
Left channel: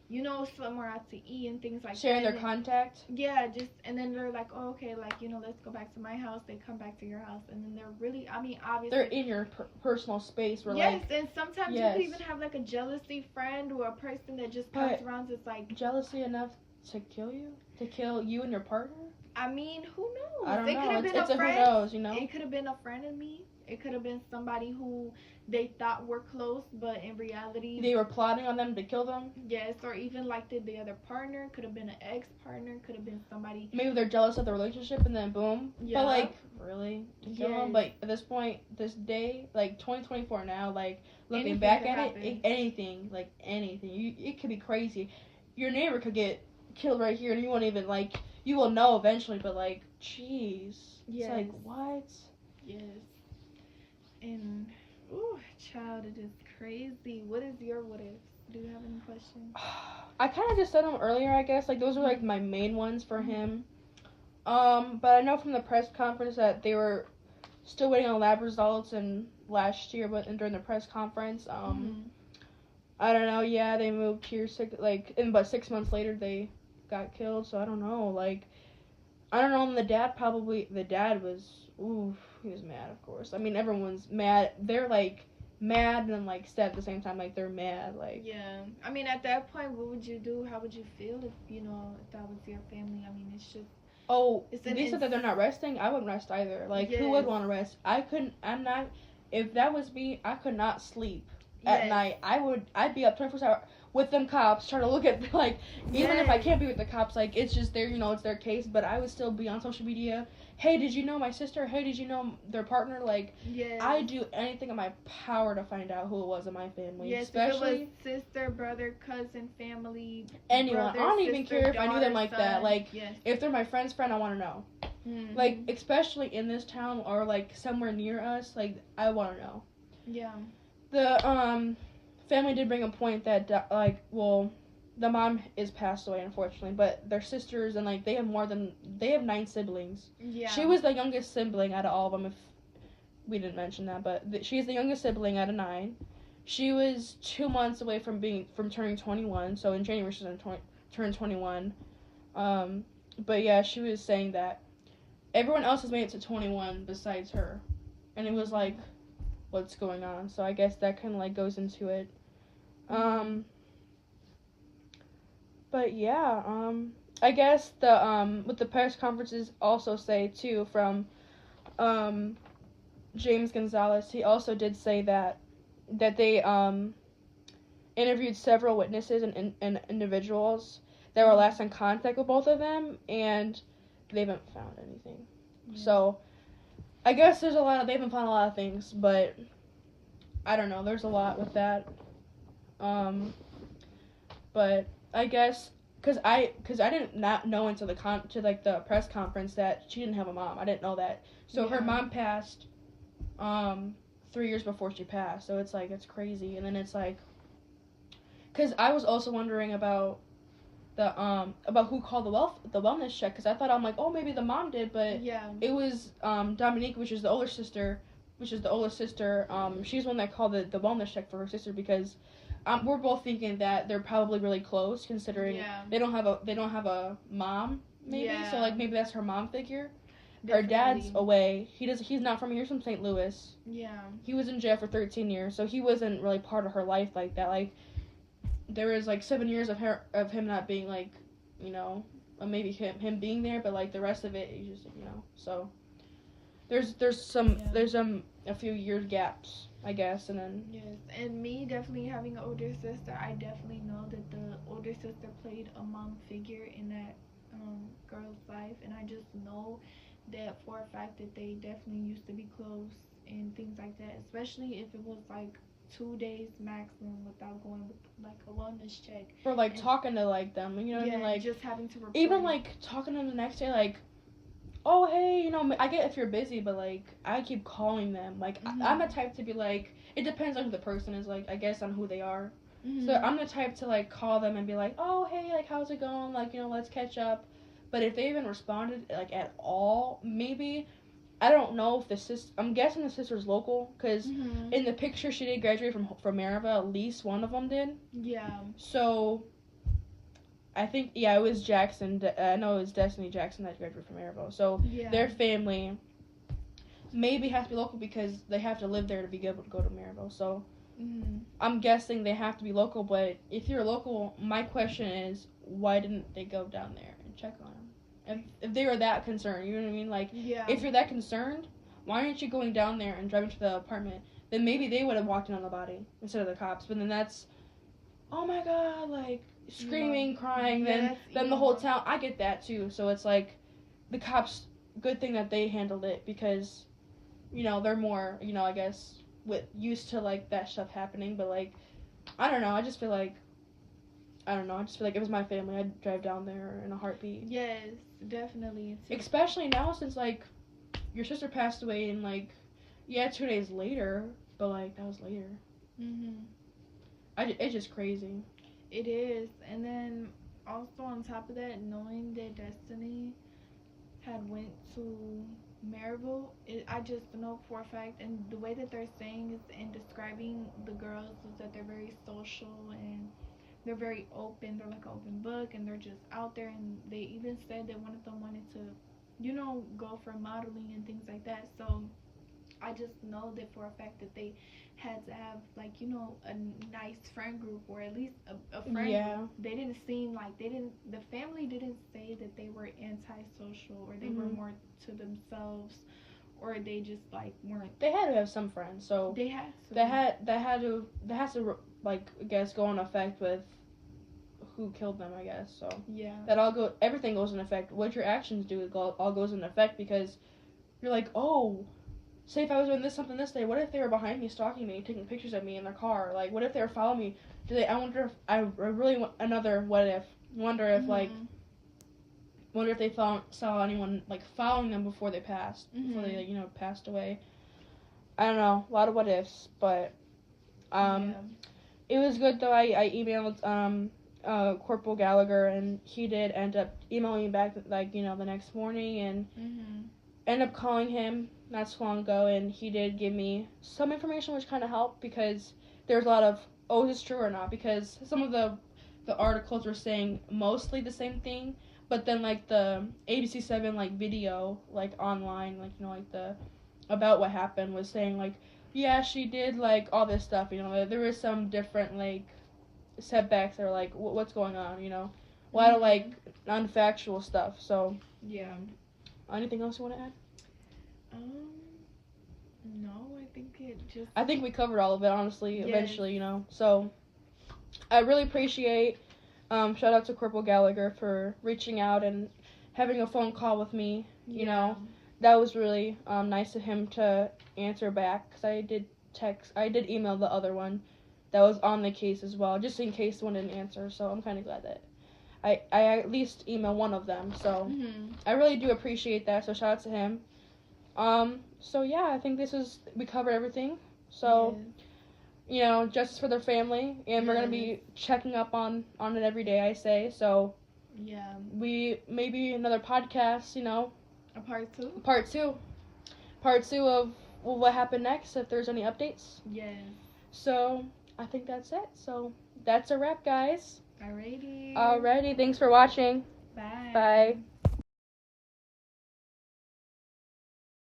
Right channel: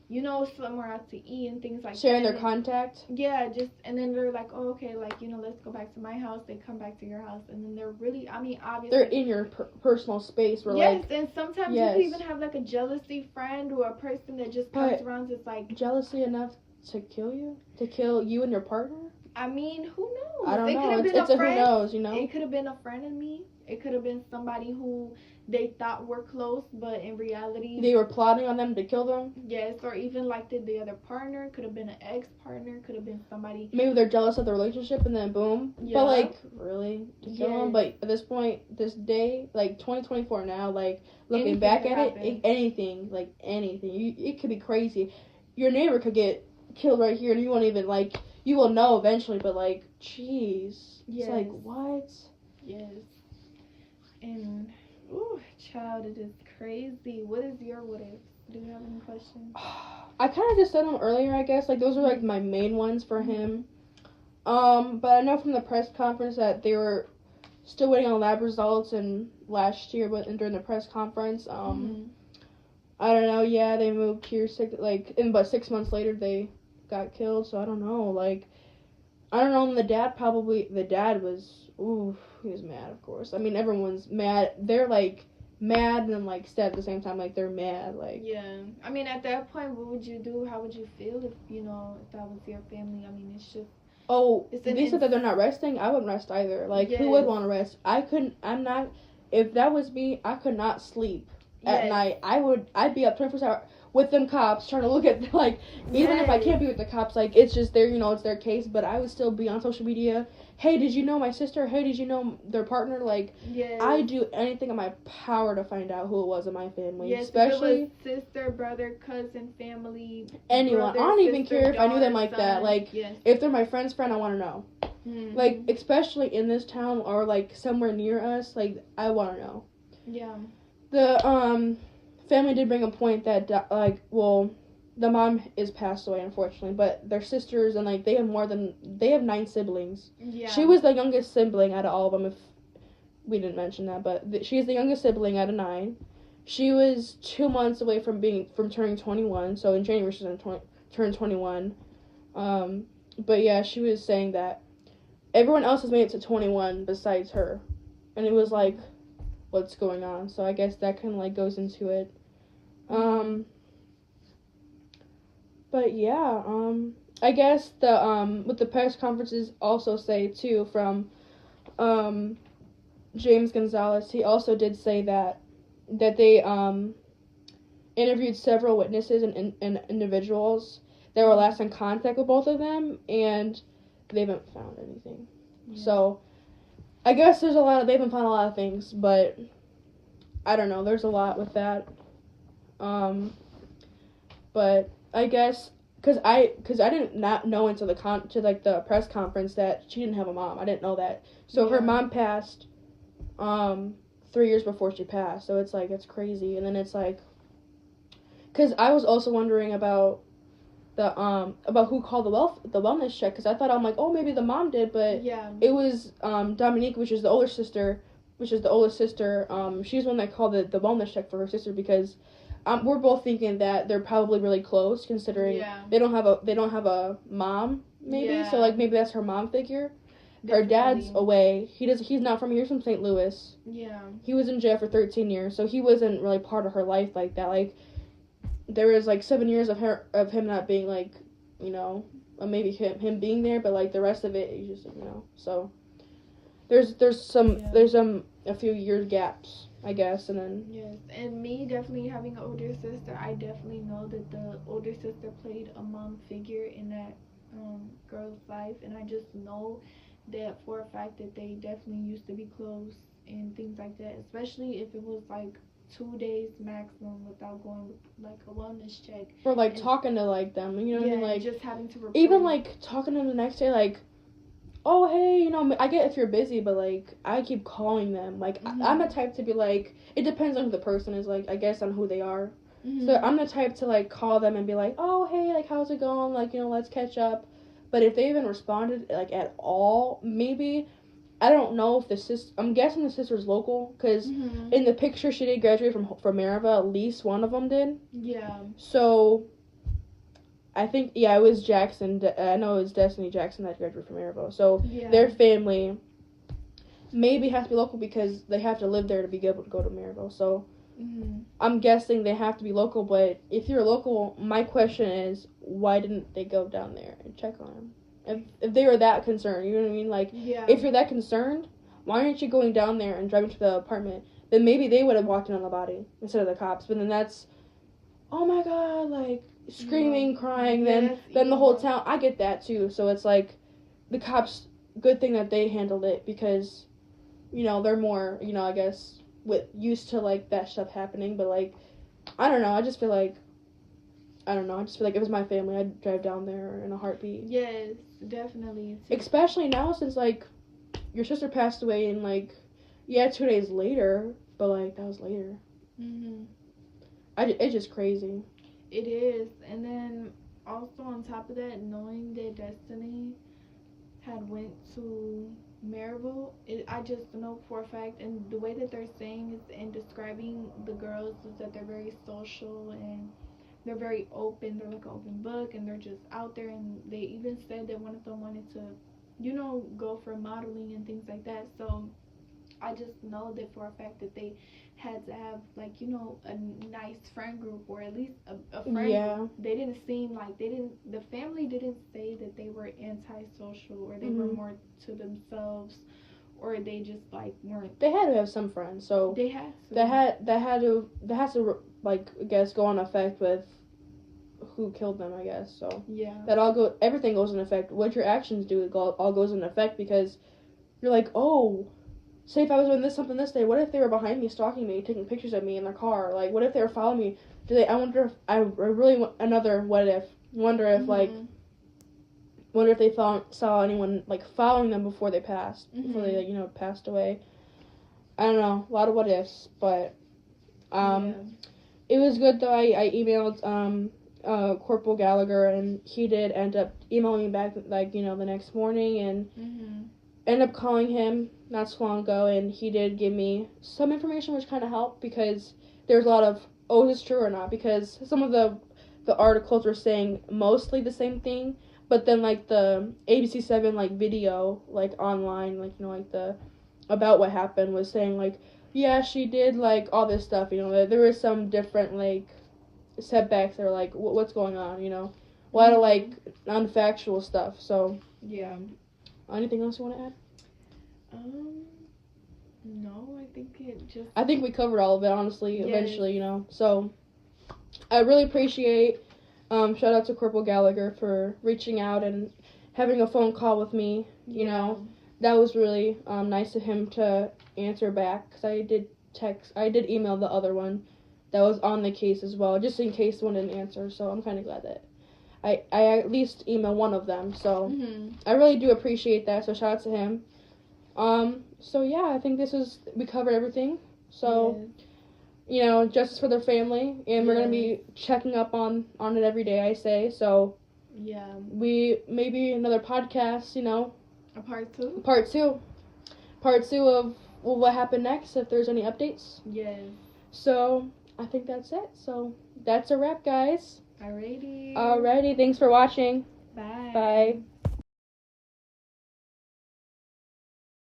you know, somewhere out to eat and things like Sharing that. their contact. Yeah, just and then they're like, oh, okay, like, you know, let's go back to my house. They come back to your house, and then they're really, I mean, obviously They're in your personal space. Where yes, like and sometimes yes. you could even have like a jealousy friend or a person that just comes around. It's like jealousy enough to kill you and your partner. I mean, who knows? I don't know. It's a friend. who knows, you know? It could have been a friend of me. It could have been somebody who they thought were close, but in reality they were plotting on them to kill them. Yes, or even like the other partner. Could have been an ex-partner. Could have been somebody. Maybe they're jealous of the relationship and then boom. Yeah. But like, really? To kill them? But at this point, this day, like 2024 now, like looking anything back at it, anything, it could be crazy. Your neighbor could get killed right here and you won't even like, you will know eventually, but like, jeez. Yes. It's like, what? Yes. And, ooh, child, it is crazy. What is your what if? Do you have any questions? I kind of just said them earlier, I guess. Like, those are like my main ones for him. But I know from the press conference that they were still waiting on lab results and last year, but during the press conference, I don't know. Yeah, they moved here but 6 months later they got killed. So I don't know. Like, I don't know. And the dad was, ooh, he was mad, of course. I mean, everyone's mad. They're like mad and then like sad at the same time. Like they're mad. Like yeah. I mean, at that point, what would you do? How would you feel if if that was your family? I mean, it's just. Oh, they said that they're not resting. I wouldn't rest either. Like, who would want to rest? I couldn't. I'm not. If that was me, I could not sleep at night. I'd be up 24 hours with them cops trying to look at like. Even if I can't be with the cops, like it's just their, it's their case. But I would still be on social media. Hey, did you know my sister? Hey, did you know their partner? Like, I do anything in my power to find out who it was in my family. Yes, especially if it was sister, brother, cousin, family, anyone. Brother, I don't even sister, care if I knew them like son. that. Like, if they're my friend's friend, I want to know. Mm-hmm. Like, especially in this town or like somewhere near us. Like, I want to know. Yeah. The family did bring a point that the mom is passed away, unfortunately, but their sisters and like they have 9 siblings. Yeah. She was the youngest sibling out of all of them. If we didn't mention that, but she's the youngest sibling out of 9. She was 2 months away from turning 21. So in January she's gonna turn 21. But yeah, she was saying that everyone else has made it to 21 besides her, and it was like, what's going on? So I guess that kind of like goes into it. But yeah, I guess what the press conferences also say too from James Gonzalez, he also did say that they interviewed several witnesses and individuals that were last in contact with both of them, and they haven't found anything. So I guess they haven't found a lot of things, but I don't know, there's a lot with that. But I guess because I didn't not know until the press conference that she didn't have a mom. I didn't know that. So her mom passed 3 years before she passed. So it's like, it's crazy. And then it's like, because I was also wondering about about who called the wellness check, because I thought, I'm like, oh, maybe the mom did, but it was Dominique, which is the older sister. She's the one that called the wellness check for her sister, because we're both thinking that they're probably really close, considering they don't have a mom, maybe. So like maybe that's her mom figure. Definitely. Her dad's away. He's not from here. He's from St. Louis. Yeah. He was in jail for 13 years, so he wasn't really part of her life like that. Like, there was like 7 years of him not being like, maybe him being there, but like the rest of it, he's just, so there's a few year gaps, I guess, and then and me definitely having an older sister, I definitely know that the older sister played a mom figure in that girl's life, and I just know that for a fact that they definitely used to be close. and things like that, especially if it was like 2 days maximum without going with like a wellness check. Or like talking to like them, you know what I mean? Like just having to report even like talking to them the next day, like, oh hey, you know, I get if you're busy, but like I keep calling them. Like I'm the type to be like, it depends on who the person is, like I guess on who they are. So I'm the type to like call them and be like, oh hey, like how's it going? Like, you know, let's catch up. But if they even responded like at all, maybe I don't know if the sister. I'm guessing the sister's local because in the picture she did graduate from Maryville. At least one of them did. Yeah. So I think it was Jackson. I know it was Destiny Jackson that graduated from Maryville. So their family maybe has to be local because they have to live there to be able to go to Maryville. So I'm guessing they have to be local. But if you're local, my question is, why didn't they go down there and check on them? If they were that concerned, you know what I mean? Like, if you're that concerned, why aren't you going down there and driving to the apartment? Then maybe they would have walked in on the body instead of the cops. But then that's, oh my god, like, screaming, crying, then the whole town. I get that too. So it's like, the cops, good thing that they handled it because, you know, they're more, you know, I guess, used to, like, that stuff happening. But, like, I don't know, I just feel like if it was my family, I'd drive down there in a heartbeat. Yes, definitely. Especially now since, like, your sister passed away and, like, 2 days later, but, like, that was later. It's just crazy. It is. And then, also on top of that, knowing that Destiny had went to Maryville, I just know for a fact, and the way that they're saying is, and describing the girls, is that they're very social and they're very open. They're like an open book, and they're just out there. And they even said that one of them wanted to, you know, go for modeling and things like that. So I just know that for a fact that they had to have, like, you know, a nice friend group, or at least a friend group. They didn't seem like the family didn't say that they were antisocial or they were more to themselves, or they just like weren't. They had to have some friends, so they had to. That has to like, I guess, go on effect with who killed them, I guess. So everything goes in effect. What your actions do all goes in effect, because you're like, oh, say if I was doing something this day, what if they were behind me stalking me, taking pictures of me in their car? Like, what if they were following me? I wonder if they saw anyone like following them before they passed, before they, like, you know, passed away. I don't know, a lot of what ifs, but it was good though. I emailed Corporal Gallagher, and he did end up emailing me back, like, you know, the next morning, and ended up calling him not so long ago, and he did give me some information which kind of helped, because there's a lot of, oh, is this true or not? Because some of the articles were saying mostly the same thing, but then, like, the ABC7, like, video, like, online, like, you know, like, about what happened was saying, like, yeah, she did, like, all this stuff, you know, there was some different, like, setbacks that were like, what's going on, you know, a lot of, like, non-factual stuff. So anything else you want to add? No, I think we covered all of it, honestly. Eventually, you know. So I really appreciate, shout out to Corporal Gallagher for reaching out and having a phone call with me. You know, that was really nice of him to answer back, because I did email the other one that was on the case as well, just in case one didn't answer. So I'm kind of glad that I at least emailed one of them. So I really do appreciate that. So shout out to him. So yeah, I think we covered everything. So you know, justice for their family, and we're gonna be checking up on it every day, I say. So we maybe another podcast, you know, a part two of what happened next, if there's any updates. So I think that's it. So that's a wrap, guys. Alrighty, thanks for watching. Bye.